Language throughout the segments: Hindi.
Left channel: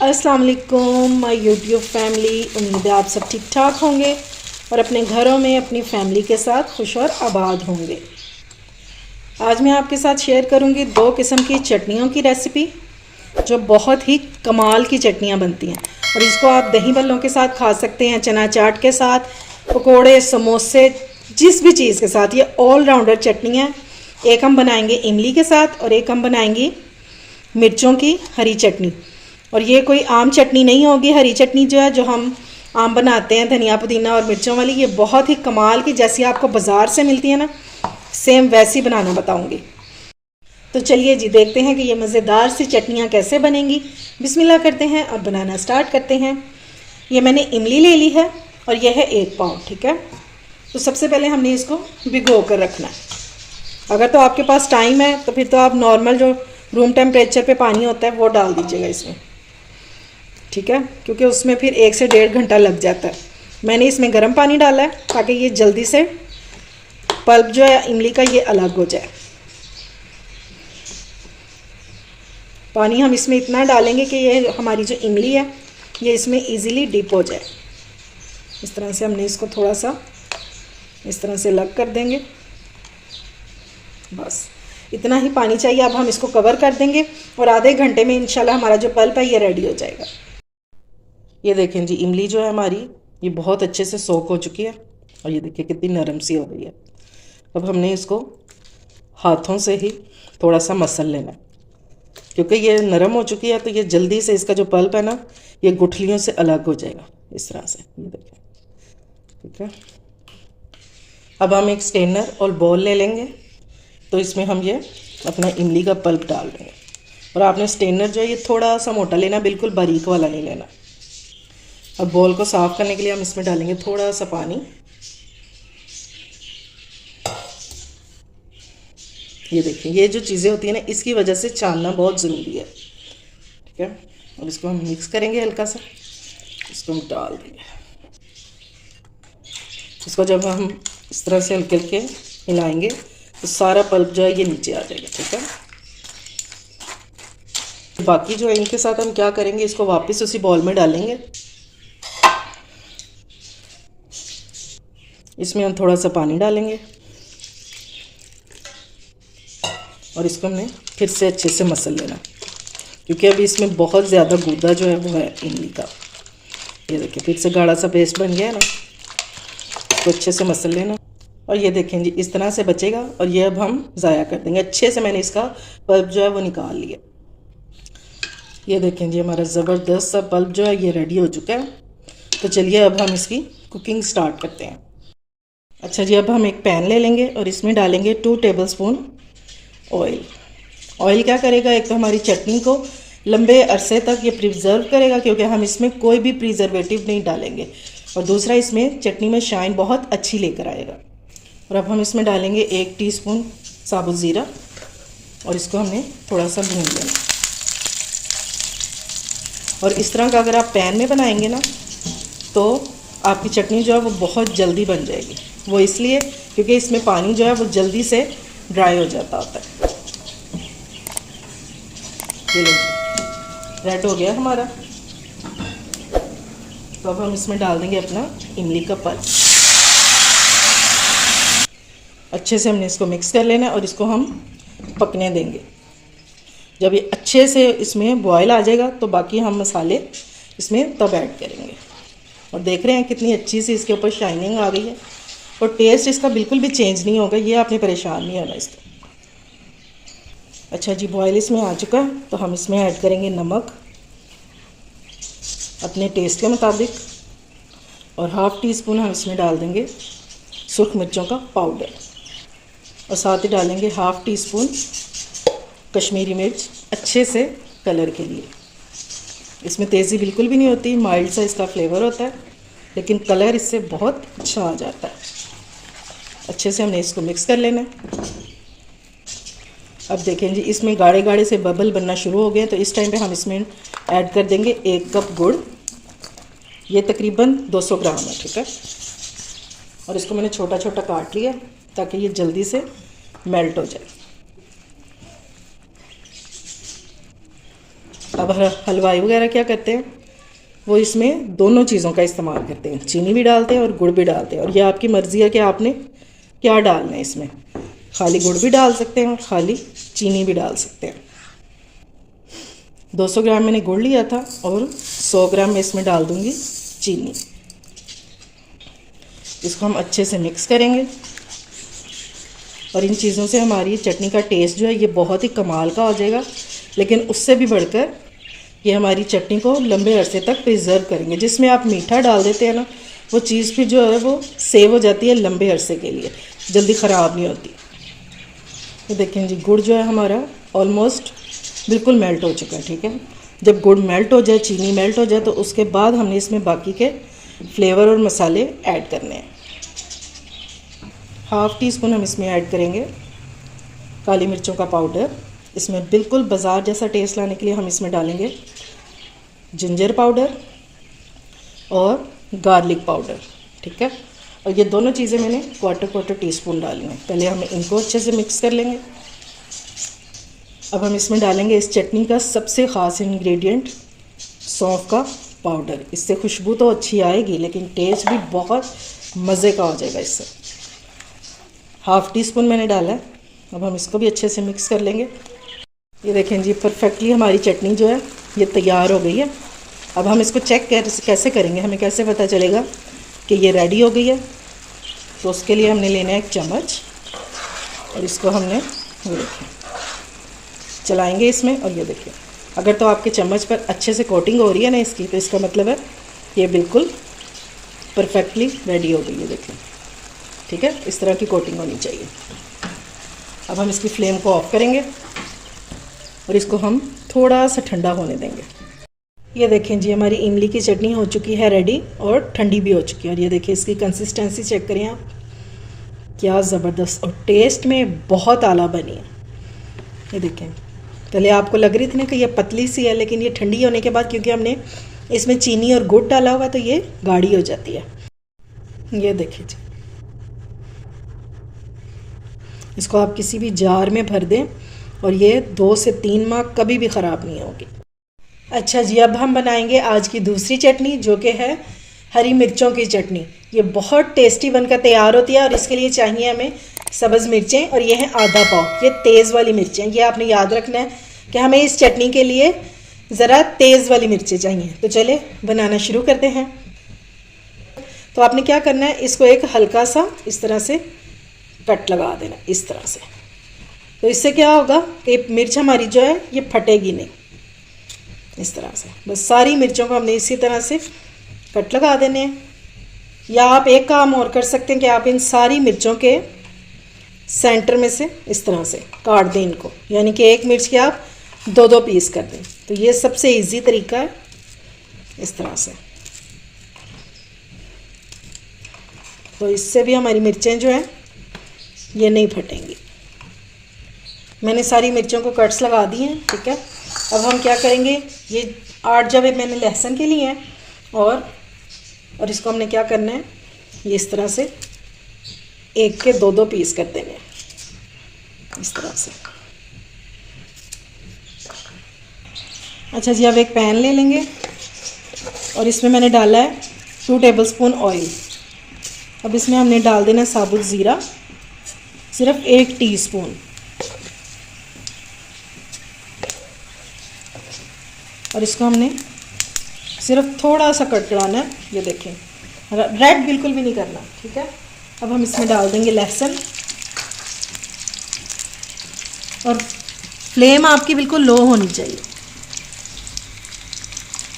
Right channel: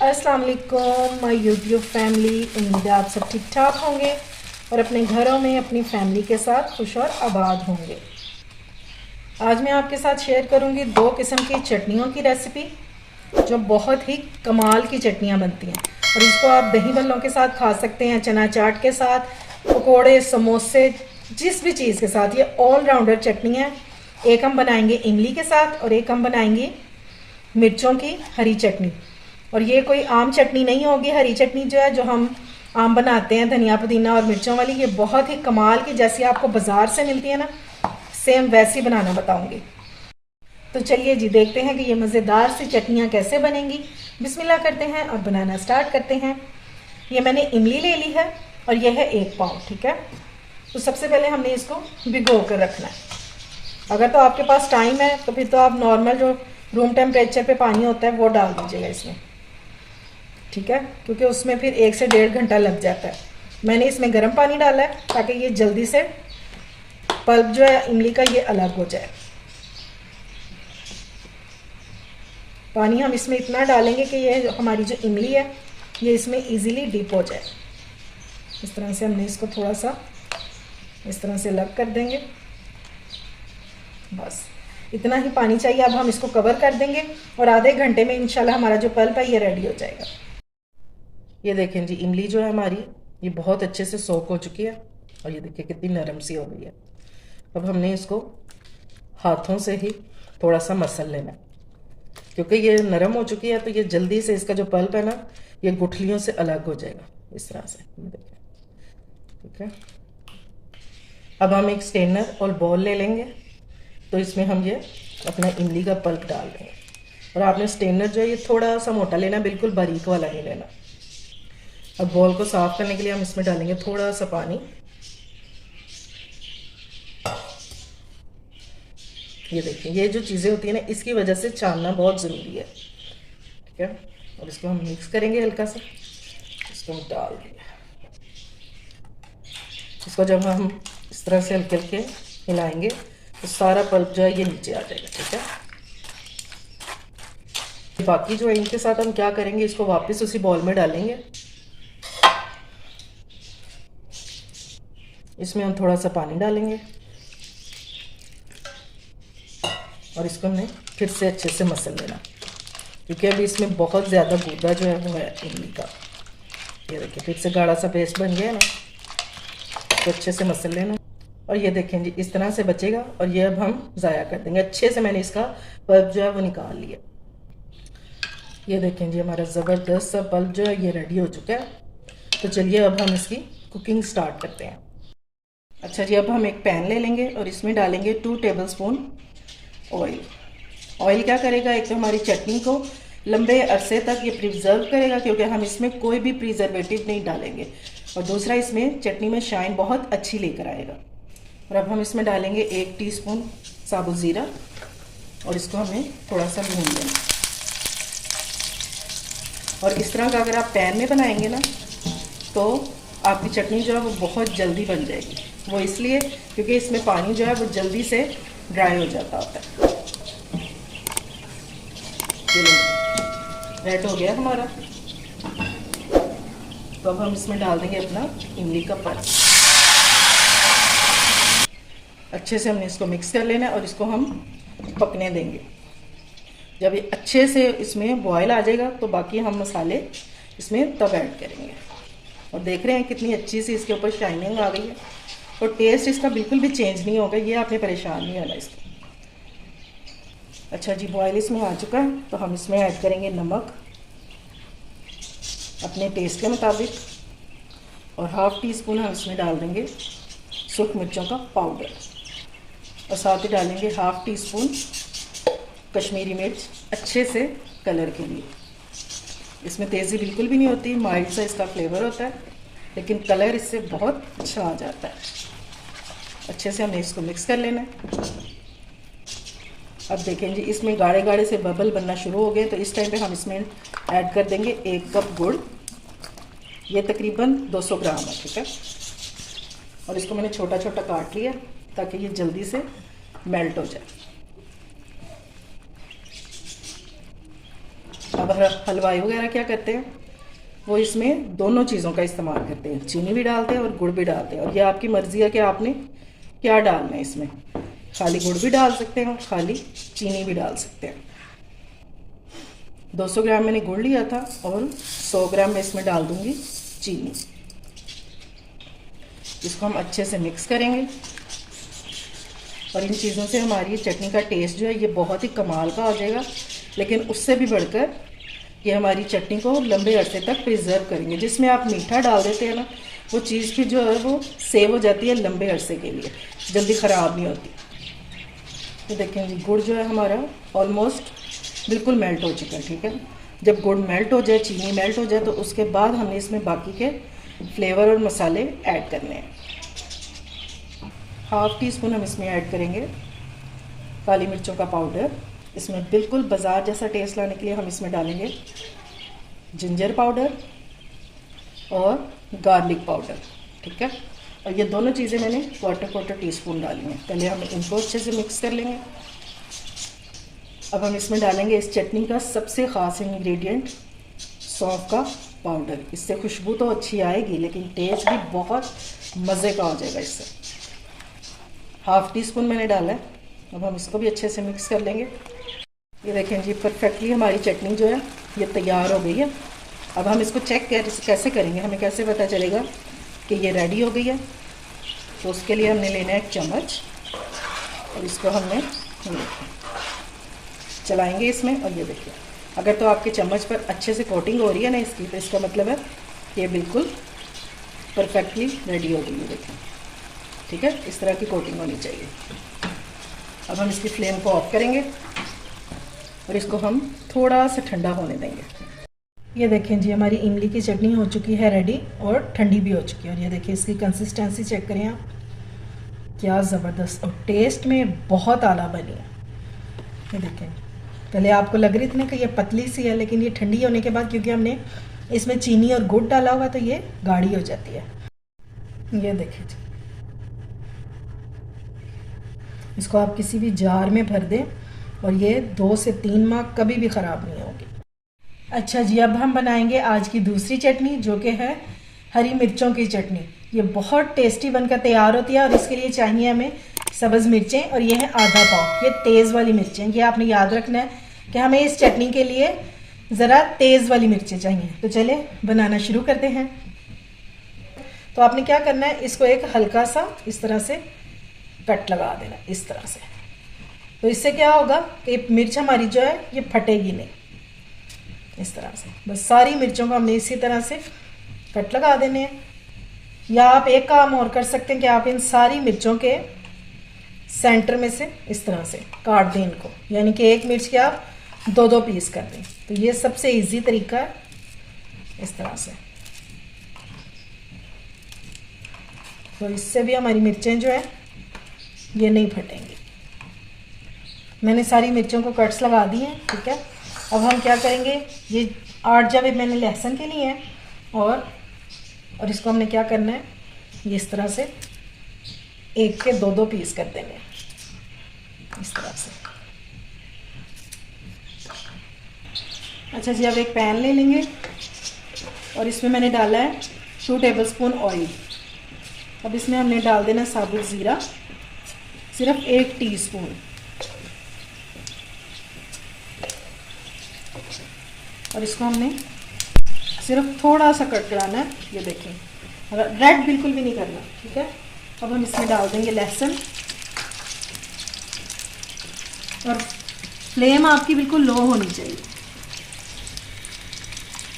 अस्सलाम वालेकुम माय यूट्यूब फैमिली। उम्मीद है आप सब ठीक ठाक होंगे और अपने घरों में अपनी फैमिली के साथ खुश और आबाद होंगे। आज मैं आपके साथ शेयर करूंगी दो किस्म की चटनियों की रेसिपी जो बहुत ही कमाल की चटनियां बनती हैं और इसको आप दही बल्लों के साथ खा सकते हैं, चना चाट के साथ, पकोड़े, समोसे, जिस भी चीज़ के साथ। ये ऑलराउंडर चटनी है। एक हम बनाएंगे इमली के साथ और एक हम बनाएंगे मिर्चों की हरी चटनी। और ये कोई आम चटनी नहीं होगी। हरी चटनी जो है, जो हम आम बनाते हैं धनिया पुदीना और मिर्चों वाली, ये बहुत ही कमाल की, जैसी आपको बाज़ार से मिलती है ना, सेम वैसी बनाना बताऊंगी। तो चलिए जी, देखते हैं कि ये मज़ेदार सी चटनियाँ कैसे बनेंगी। बिस्मिल्लाह करते हैं और बनाना स्टार्ट करते हैं। ये मैंने इमली ले ली है और यह है 1 पाव, ठीक है। तो सबसे पहले हमने इसको भिगो कर रखना है। अगर तो आपके पास टाइम है तो फिर तो आप नॉर्मल जो रूम टेम्परेचर पे पानी होता है वो डाल दीजिएगा इसमें, ठीक है, क्योंकि उसमें फिर 1 से 1.5 घंटा लग जाता है। मैंने इसमें गर्म पानी डाला है ताकि ये जल्दी से पल्प जो है इमली का ये अलग हो जाए। पानी हम इसमें इतना डालेंगे कि ये हमारी जो इमली है ये इसमें इजीली डिप हो जाए। इस तरह से हमने इसको थोड़ा सा इस तरह से अलग कर देंगे। बस इतना ही पानी चाहिए। अब हम इसको कवर कर देंगे और आधे घंटे में इंशाल्लाह हमारा जो पल्प है ये रेडी हो जाएगा। ये देखें जी, इमली जो है हमारी ये बहुत अच्छे से सोक हो चुकी है और ये देखिए कितनी नरम सी हो गई है। अब हमने इसको हाथों से ही थोड़ा सा मसल लेना है, क्योंकि ये नरम हो चुकी है तो ये जल्दी से इसका जो पल्प है ना ये गुठलियों से अलग हो जाएगा इस तरह से। ये देखें, ठीक है। अब हम एक स्ट्रेनर और बॉल ले लेंगे, तो इसमें हम ये अपना इमली का पल्प डाल देंगे। और आपने स्ट्रेनर जो है ये थोड़ा सा मोटा लेना, बिल्कुल बारीक वाला नहीं लेना। और बॉल को साफ़ करने के लिए हम इसमें डालेंगे थोड़ा सा पानी। ये देखिए, ये जो चीज़ें होती है ना इसकी वजह से छानना बहुत ज़रूरी है, ठीक है। और इसको हम मिक्स करेंगे हल्का सा, इसको हम डाल देंगे। इसको जब हम इस तरह से हल्के हल्के हिलाएंगे तो सारा पल्प जो है ये नीचे आ जाएगा, ठीक है। बाकी जो है इनके साथ हम क्या करेंगे, इसको वापस उसी बॉल में डालेंगे। इसमें हम थोड़ा सा पानी डालेंगे और इसको हमने फिर से अच्छे से मसल लेना, क्योंकि अभी इसमें बहुत ज़्यादा गूदा जो है वो है इमली का। ये देखिए फिर से गाढ़ा सा पेस्ट बन गया है ना, तो अच्छे से मसल लेना। और ये देखें जी, इस तरह से बचेगा और ये अब हम ज़ाया कर देंगे। अच्छे से मैंने इसका पल्प जो है वो निकाल लिया। ये देखें जी, हमारा ज़बरदस्त सा पल्प जो है ये रेडी हो चुका है। तो चलिए अब हम इसकी कुकिंग स्टार्ट करते हैं। अच्छा जी, अब हम एक पैन ले लेंगे और इसमें डालेंगे 2 टेबलस्पून ऑयल। ऑयल क्या करेगा, एक तो हमारी चटनी को लंबे अरसे तक ये प्रिजर्व करेगा, क्योंकि हम इसमें कोई भी प्रिजर्वेटिव नहीं डालेंगे, और दूसरा इसमें चटनी में शाइन बहुत अच्छी लेकर आएगा। और अब हम इसमें डालेंगे 1 टीस्पून साबुत ज़ीरा और इसको हमने थोड़ा सा भून लेना। और इस तरह का अगर आप पैन में बनाएंगे ना तो आपकी चटनी जो है वो बहुत जल्दी बन जाएगी। वो इसलिए क्योंकि इसमें पानी जो है वो जल्दी से ड्राई हो जाता होता है। ये रेड हो गया हमारा। तो अब हम इसमें डाल देंगे अपना इमली का पल्प। अच्छे से हमने इसको मिक्स कर लेना है और इसको हम पकने देंगे। जब ये अच्छे से इसमें बॉयल आ जाएगा तो बाकी हम मसाले इसमें तब ऐड करेंगे। और देख रहे हैं कितनी अच्छी सी इसके ऊपर शाइनिंग आ गई है और टेस्ट इसका बिल्कुल भी चेंज नहीं होगा। ये आपने परेशान नहीं होना इसका। अच्छा जी, बॉयल इसमें आ चुका है तो हम इसमें ऐड करेंगे नमक अपने टेस्ट के मुताबिक, और 1/2 टीस्पून हम इसमें डाल देंगे सूख मिर्चों का पाउडर, और साथ ही डालेंगे 1/2 टीस्पून कश्मीरी मिर्च, अच्छे से कलर के लिए। इसमें तेज़ी बिल्कुल भी नहीं होती, माइल्ड सा इसका फ्लेवर होता है, लेकिन कलर इससे बहुत अच्छा आ जाता है। अच्छे से हमने इसको मिक्स कर लेना है। अब देखें जी, इसमें गाढ़े गाढ़े से बबल बनना शुरू हो गए, तो इस टाइम पे हम इसमें ऐड कर देंगे 1 कप गुड़। ये तकरीबन 200 ग्राम है, ठीक है। और इसको मैंने छोटा छोटा काट लिया ताकि ये जल्दी से मेल्ट हो जाए। अब हलवाई वगैरह क्या करते हैं, वो इसमें दोनों चीज़ों का इस्तेमाल करते हैं, चीनी भी डालते हैं और गुड़ भी डालते हैं। और ये आपकी मर्ज़ी है कि आपने क्या डालना है इसमें, खाली गुड़ भी डाल सकते हैं और खाली चीनी भी डाल सकते हैं। 200 ग्राम मैंने गुड़ लिया था और 100 ग्राम मैं इसमें डाल दूँगी चीनी। इसको हम अच्छे से मिक्स करेंगे और इन चीज़ों से हमारी चटनी का टेस्ट जो है ये बहुत ही कमाल का हो जाएगा। लेकिन उससे भी बढ़कर ये हमारी चटनी को लंबे अरसे तक प्रिजर्व करेंगे। जिसमें आप मीठा डाल देते हैं ना, वो चीज़ फिर जो है वो सेव हो जाती है लंबे अरसे के लिए, जल्दी ख़राब नहीं होती। ये देखें जी, गुड़ जो है हमारा ऑलमोस्ट बिल्कुल मेल्ट हो चुका है। ठीक है, जब गुड़ मेल्ट हो जाए, चीनी मेल्ट हो जाए, तो उसके बाद हमने इसमें बाकी के फ्लेवर और मसाले ऐड करने हैं। हाफ़ टी स्पून हम इसमें ऐड करेंगे काली मिर्चों का पाउडर। इसमें बिल्कुल बाज़ार जैसा टेस्ट लाने के लिए हम इसमें डालेंगे जिंजर पाउडर और गार्लिक पाउडर। ठीक है, और ये दोनों चीज़ें मैंने क्वार्टर टी स्पून डाली हैं। पहले हम इनको अच्छे से मिक्स कर लेंगे। अब हम इसमें डालेंगे इस चटनी का सबसे ख़ास इंग्रेडिएंट, सौंफ का पाउडर। इससे खुशबू तो अच्छी आएगी लेकिन टेस्ट भी बहुत मज़े का हो जाएगा इससे। हाफ़ टी स्पून मैंने डाला है। अब हम इसको भी अच्छे से मिक्स कर लेंगे। ये देखें जी, परफेक्टली हमारी चटनी जो है ये तैयार हो गई है। अब हम इसको चेक कैसे करेंगे, हमें कैसे पता चलेगा कि ये रेडी हो गई है? तो उसके लिए हमने लेना है एक चम्मच और इसको हमने चलाएंगे इसमें। और ये देखिए, अगर तो आपके चम्मच पर अच्छे से कोटिंग हो रही है ना इसकी, तो इसका मतलब है ये बिल्कुल परफेक्टली रेडी हो गई है। देखिए, ठीक है, इस तरह की कोटिंग होनी चाहिए। अब हम इसकी फ्लेम को ऑफ करेंगे और इसको हम थोड़ा सा ठंडा होने देंगे। ये देखें जी, हमारी इमली की चटनी हो चुकी है रेडी और ठंडी भी हो चुकी है। और ये देखिए, इसकी कंसिस्टेंसी चेक करें आप, क्या ज़बरदस्त और टेस्ट में बहुत आला बनी है। ये देखें, पहले आपको लग रही थी ना कि ये पतली सी है, लेकिन ये ठंडी होने के बाद क्योंकि हमने इसमें चीनी और गुड़ डाला हुआ तो ये गाढ़ी हो जाती है। ये देखिए जी, इसको आप किसी भी जार में भर दें और ये 2 से 3 माह कभी भी ख़राब नहीं होगी। अच्छा जी, अब हम बनाएंगे आज की दूसरी चटनी, जो कि है हरी मिर्चों की चटनी। ये बहुत टेस्टी बनकर तैयार होती है और इसके लिए चाहिए हमें सब्ज़ मिर्चें, और ये है आधा पाव। ये तेज़ वाली मिर्चें, ये आपने याद रखना है कि हमें इस चटनी के लिए ज़रा तेज़ वाली मिर्चें चाहिए। तो चले बनाना शुरू करते हैं। तो आपने क्या करना है, इसको एक हल्का सा इस तरह से कट लगा देना, इस तरह से। तो इससे क्या होगा कि मिर्च हमारी जो है ये फटेगी नहीं। इस तरह से बस सारी मिर्चों को हमने इसी तरह से कट लगा देने हैं। या आप एक काम और कर सकते हैं कि आप इन सारी मिर्चों के सेंटर में से इस तरह से काट दें इनको, यानी कि एक मिर्च के आप 2-2 पीस कर दें। तो ये सबसे इजी तरीका है, इस तरह से। तो इससे भी हमारी मिर्चें जो हैं ये नहीं फटेंगी। मैंने सारी मिर्चों को कट्स लगा दिए हैं। ठीक है, अब हम क्या करेंगे, ये 8 जवे मैंने लहसुन के लिए हैं और इसको हमने क्या करना है, ये इस तरह से एक के 2-2 पीस कर देंगे, इस तरह से। अच्छा जी, अब एक पैन ले लेंगे और इसमें मैंने डाला है 2 टेबलस्पून ऑयल। अब इसमें हमने डाल देना साबुत ज़ीरा, सिर्फ 1 टीस्पून। और इसको हमने सिर्फ थोड़ा सा कड़कड़ाना है। ये देखें, रेड बिल्कुल भी नहीं करना। ठीक है, अब हम इसमें डाल देंगे लहसुन, और फ्लेम आपकी बिल्कुल लो होनी चाहिए,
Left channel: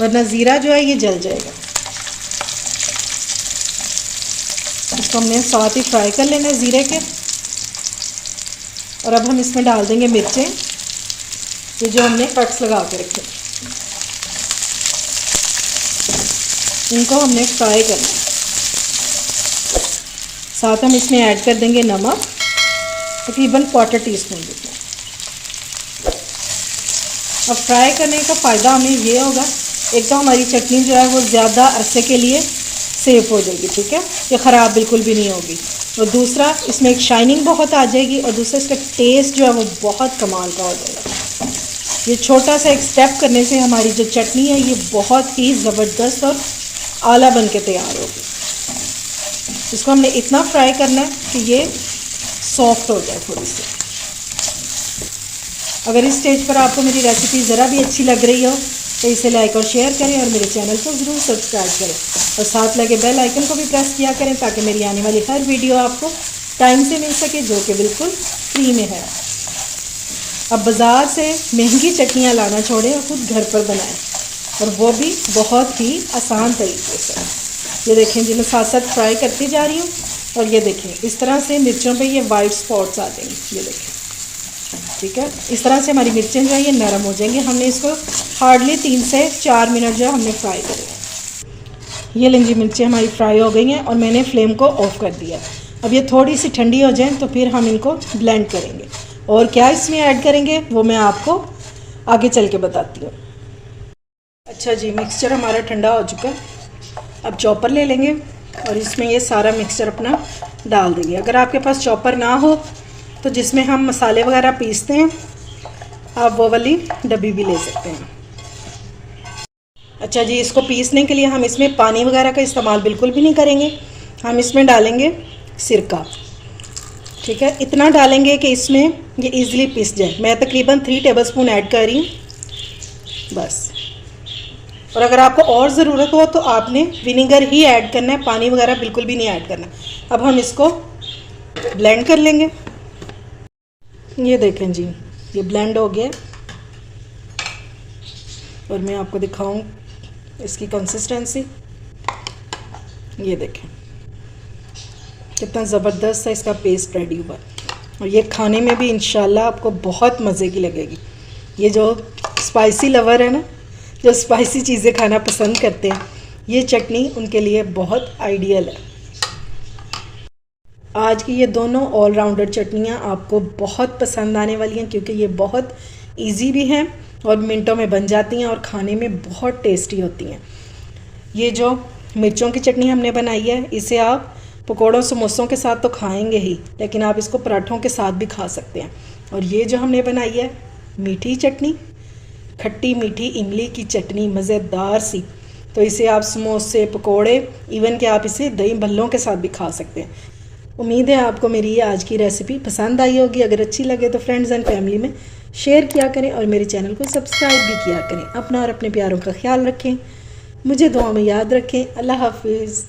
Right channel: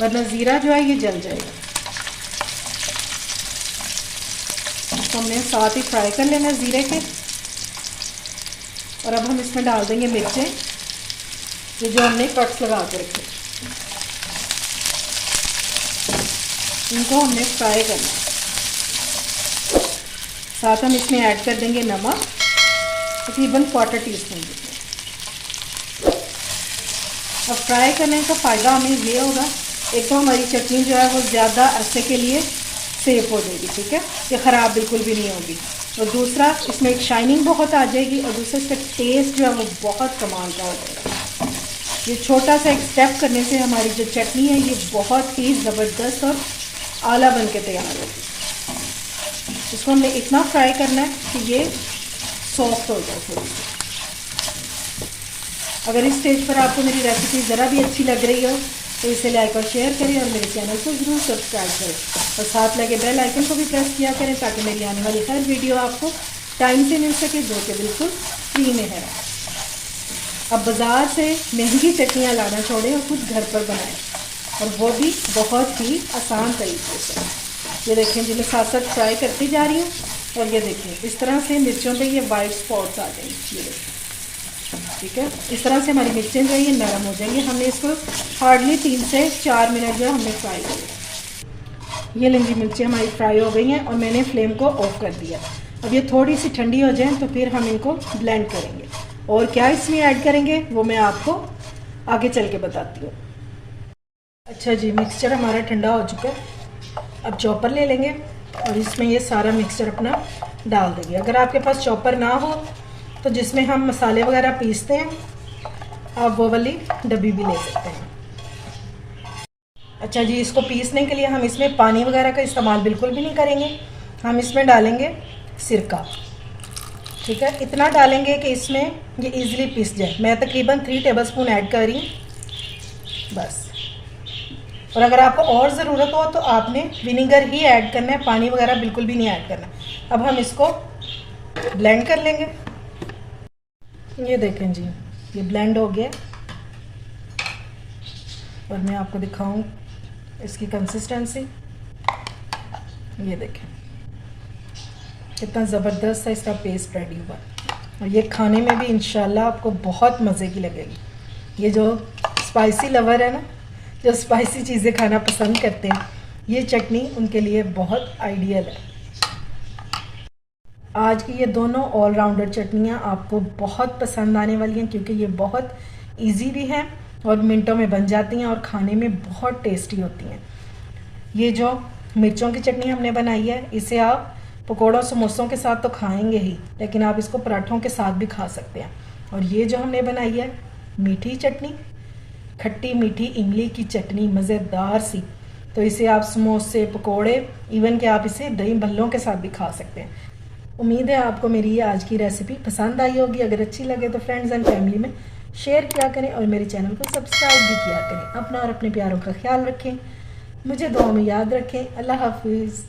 वरना ज़ीरा जो है ये जल जाएगा। इसको हमने साथ ही फ्राई कर लेना है ज़ीरे के। और अब हम इसमें डाल देंगे मिर्चें, ये जो हमने कट्स लगा के रखे, इनको हमने फ्राई करना है। साथ हम इसमें ऐड कर देंगे नमक, तकरीबन 1/4 टीस्पून जितना। और फ्राई करने का फ़ायदा हमें ये होगा, एक तो हमारी चटनी जो है वो ज़्यादा अरसे के लिए सेफ हो जाएगी। ठीक है, ये ख़राब बिल्कुल भी नहीं होगी। और दूसरा, इसमें एक शाइनिंग बहुत आ जाएगी, और दूसरा इसका टेस्ट जो है वो बहुत कमाल का हो जाएगा। ये छोटा सा एक स्टेप करने से हमारी जो चटनी है ये बहुत ही ज़बरदस्त और आला बन के तैयार होगी। इसको हमने इतना फ्राई करना है कि ये सॉफ्ट हो जाए थोड़ी सी। अगर इस स्टेज पर आपको मेरी रेसिपी ज़रा भी अच्छी लग रही हो तो इसे लाइक और शेयर करें और मेरे चैनल को ज़रूर सब्सक्राइब करें और साथ लगे बेल आइकन को भी प्रेस किया करें ताकि मेरी आने वाली हर वीडियो आपको टाइम से मिल सके, जो कि बिल्कुल फ्री में है। अब बाज़ार से महंगी चटनियाँ लाना छोड़ें और खुद घर पर बनाएं, और वो भी बहुत ही आसान तरीके से। ये देखें जी, मैं साथ साथ फ्राई करती जा रही हूँ और ये देखें इस तरह से मिर्चों पे ये वाइट स्पॉट्स आ जाएंगे। ये देखें, ठीक है, इस तरह से हमारी मिर्चें जो है ये नरम हो जाएंगी। हमने इसको हार्डली 3 से 4 मिनट जो है हमने फ्राई करें। ये लें जी, मिर्चें हमारी फ्राई हो गई हैं और मैंने फ्लेम को ऑफ कर दिया। अब ये थोड़ी सी ठंडी हो जाए तो फिर हम इनको ब्लेंड करेंगे, और क्या इसमें ऐड करेंगे वो मैं आपको आगे चल के बताती हूँ। अच्छा जी, मिक्सचर हमारा ठंडा हो चुका है। अब चॉपर ले लेंगे और इसमें ये सारा मिक्सचर अपना डाल देंगे। अगर आपके पास चॉपर ना हो तो जिसमें हम मसाले वगैरह पीसते हैं आप वो वाली डब्बी भी ले सकते हैं। अच्छा जी, इसको पीसने के लिए हम इसमें पानी वगैरह का इस्तेमाल बिल्कुल भी नहीं करेंगे। हम इसमें डालेंगे सिरका, ठीक है, इतना डालेंगे कि इसमें ये इजीली पिस जाए। मैं तकरीबन 3 टेबलस्पून ऐड कर रही हूँ बस। और अगर आपको और ज़रूरत हो तो आपने विनेगर ही ऐड करना है, पानी वगैरह बिल्कुल भी नहीं ऐड करना। अब हम इसको ब्लेंड कर लेंगे। ये देखें जी, ये ब्लेंड हो गया और मैं आपको दिखाऊं इसकी कंसिस्टेंसी। ये देखें कितना ज़बरदस्त सा इसका पेस्ट रेडी हुआ, और ये खाने में भी इंशाल्लाह आपको बहुत मज़े की लगेगी। ये जो स्पाइसी लवर है ना, जो स्पाइसी चीज़ें खाना पसंद करते हैं, ये चटनी उनके लिए बहुत आइडियल है। आज की ये दोनों ऑलराउंडर चटनियाँ आपको बहुत पसंद आने वाली हैं, क्योंकि ये बहुत इजी भी हैं और मिनटों में बन जाती हैं और खाने में बहुत टेस्टी होती हैं। ये जो मिर्चों की चटनी हमने बनाई है, इसे आप पकौड़ों समोसों के साथ तो खाएंगे ही, लेकिन आप इसको पराठों के साथ भी खा सकते हैं। और ये जो हमने बनाई है मीठी चटनी, खट्टी मीठी इमली की चटनी, मज़ेदार सी, तो इसे आप समोसे, पकौड़े, इवन कि आप इसे दही भल्लों के साथ भी खा सकते हैं। उम्मीद है आपको मेरी ये आज की रेसिपी पसंद आई होगी। अगर अच्छी लगे तो फ्रेंड्स एंड फैमिली में शेयर किया करें और मेरे चैनल को सब्सक्राइब भी किया करें। अपना और अपने प्यारों का ख्याल रखें, मुझे दुआ में याद रखें। अल्लाह हाफिज़।